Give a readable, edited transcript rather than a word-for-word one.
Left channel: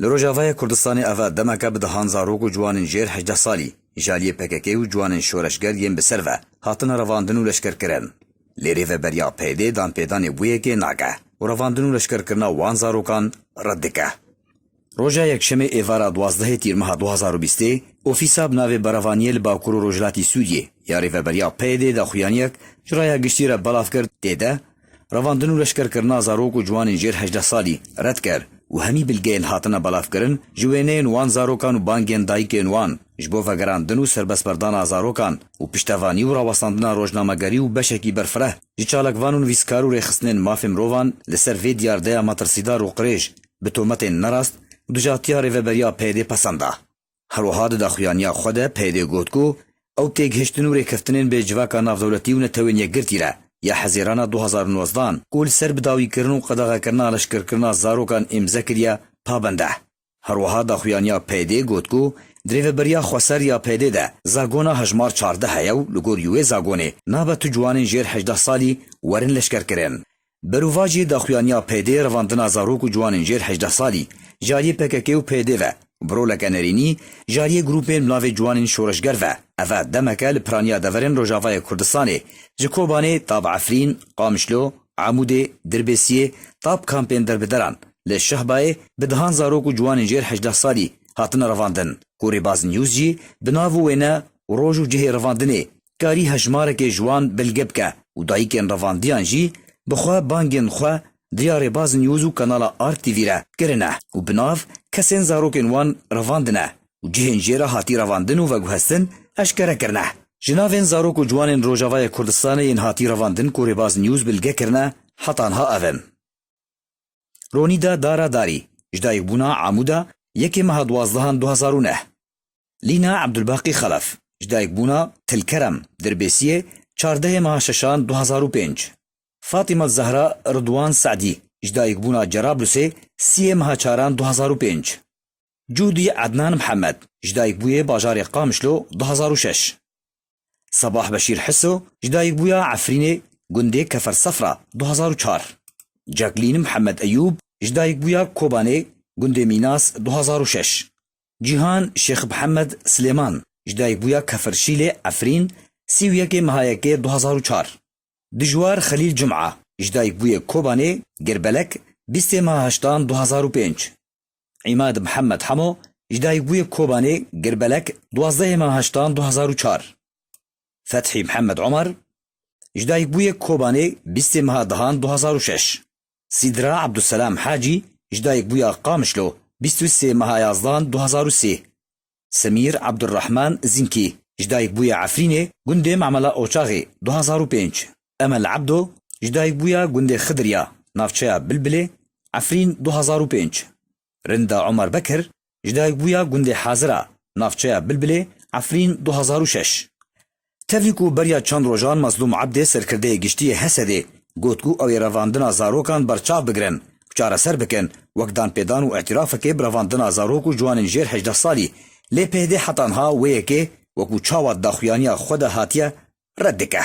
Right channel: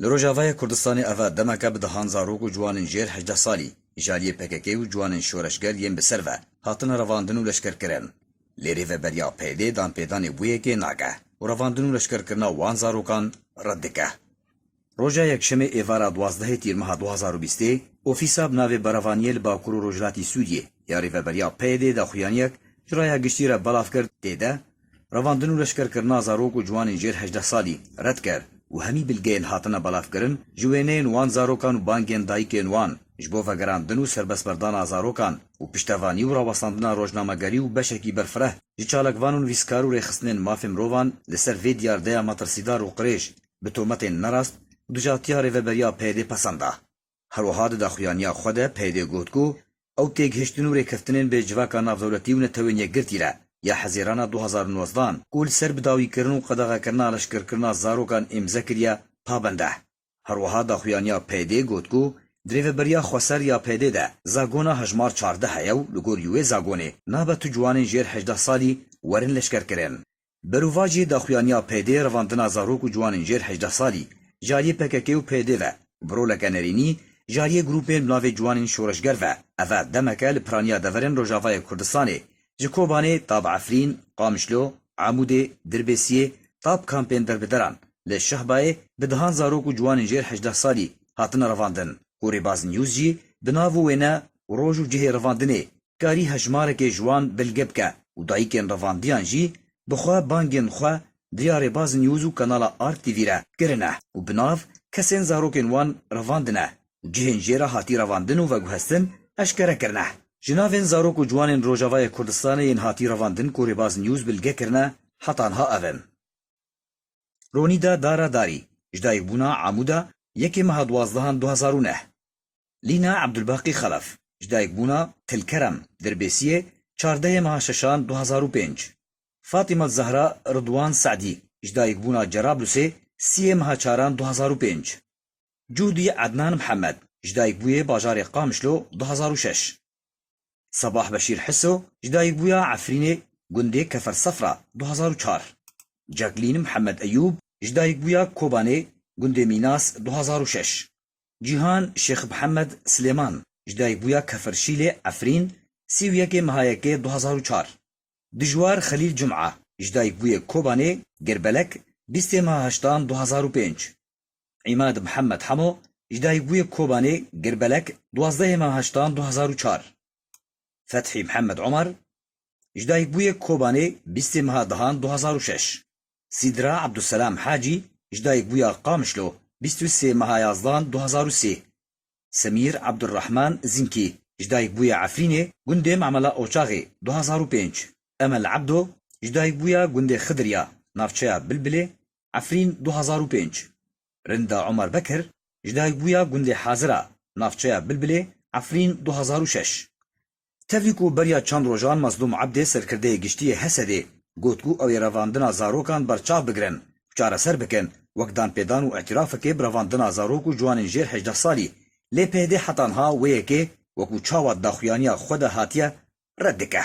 لروجاوای کردستان اوا دمکه به دهان زاروک و جوانین جیر 18 سالی جالی پککی و جوانین شورشگر یم بسر و هاتن رواندن و لشکر کرن لیری و بریا پیده دان پیدان بویه که ناگه و رواندن و لشکر کرنا وان زاروکان ردکه روژا یکشنبه ایوارا 12 تیر ماه 2020 اوفیسا بناوی براوانیل باکور و روجلاتی سوریه یاری و بریا پیده دا خویانیک جرای گشتی را بلاف کرد دیده رواندن و لشکر کرنا زاروک و جوانین جیر 18 سالی رد کرد و همی بلگین هاتنا بلاف کرن جوینین وان زاروکان و بانگین دایکین وان جبو وگراندن و سربس بردان زاروکان و پشتوانی و راوستاندنا روزنامه‌گری و بشکی برفره جچالکوان و ویسکار و رخصنین مافم روان لسر وی دیارده ماترسیدار و قریش به تومت نراست دجاتیا ریوبریا پیده پسنده هروها دا خویانیا خود پیده گوتکو او تیگ هشتن و ریکفتنین به جواکا نافدولتی و نتوینیه گرتیره یا حزیرانا 2019 کول سر بداوی کرن و قدغه کرنا لشکر کرنا زاروکان امزه کریا پابنده هروها دا خویانیا پیده گوتکو دریو بریا خوسر یا پیده ده زاگونا هجمار 14 هیو لگور یوه زاگونه نابا تو جوانین جیر 18 سالی ورن لشکر کرن بروواجی دا خویانیا پیده رواندنا زاروک و جوانین جیر 18 سالی جاری پککی و پیده و برو لکنرینی جاری گروپین ملاوی جوانین شورشگر و اوه دمکه لپرانیا دورن روژاوای کردستانه جکوبانه تاب عفرین قامشلو عموده دربسیه تاب کامپین دربدران لشهبای بدهان زاروک و جوانین جیر 18 سالی هاتن رواندن کوری باز نیوز جی بناوو وینا روژو جه رواندنه کاری هجمارک جوان بلگبکه و دایکن رواندیان جی بخوا بانگین خوا دیار باز نیوز و کانالا آرک تیوی را کرنه و بناف کسین زاروکن وان رواندنه و جهن جیرا هاتی رواندن و وگوهستن اشکره کرنه جناوین زاروک و جوانین روژاوای کردستان این هاتی رواندن کوری باز نیوز بلگه کرنه حتانها اون رونیدا دارا داری جدای بونا عمودا یکی ماه 12 2009 لینا عبدالباقی خلف جدای بونا تلکرم دربسیه 14 ماه 6 2005 فاطمه زهرا رضوان سعدی جدای بونا جرابلسه 3 ماه 4 2005 جودی عدنان محمد جدای بوی باجار قامشلو 2006 صباح بشیر حسو جدای بویا عفرینه گنده کفر صفرا 2004 جاکلین محمد ایوب جدای بویا کوبانه گنده میناس 2006 جیهان شیخ محمد سلیمان جدای بویا کفرشیل عفرین 31 ماه 2004 دجوار خلیل جمعه جدای بوی کوبانه گربلک 20 ماه 8 2005 عماد محمد حمو جدای بوی کوبانه گربلک 12 ماه 8 2004 فتحی محمد عمر جدای بوی کوبانه 20 ماه 2006 سیدرا عبدالسلام حاجی جدای بویا قامشلو 23 ماه 11 2003 سمیر عبدالرحمن زینکی جدای بویا عفرینه گنده معملا اوچاغی 2005 امل عبدو جدای بویا گنده خدریا نافچه بلبله عفرین 2005 رندا عمر بکر جدای بویا گنده حاضره نافچه بلبله عفرین 2006 تفیکو بریا چند روزان مظلوم عبد سرکرده گشتی حسده گوتگو او رواندنا زاروکان برچاو بگرن چاره سر بکن وقدان پیدان و اعتراف که برواندنا زاروک و جوانین جیر 18 سالی لی پیده حتانها ویه که وکو چاوات داخویانیا خود هاتیه ردکه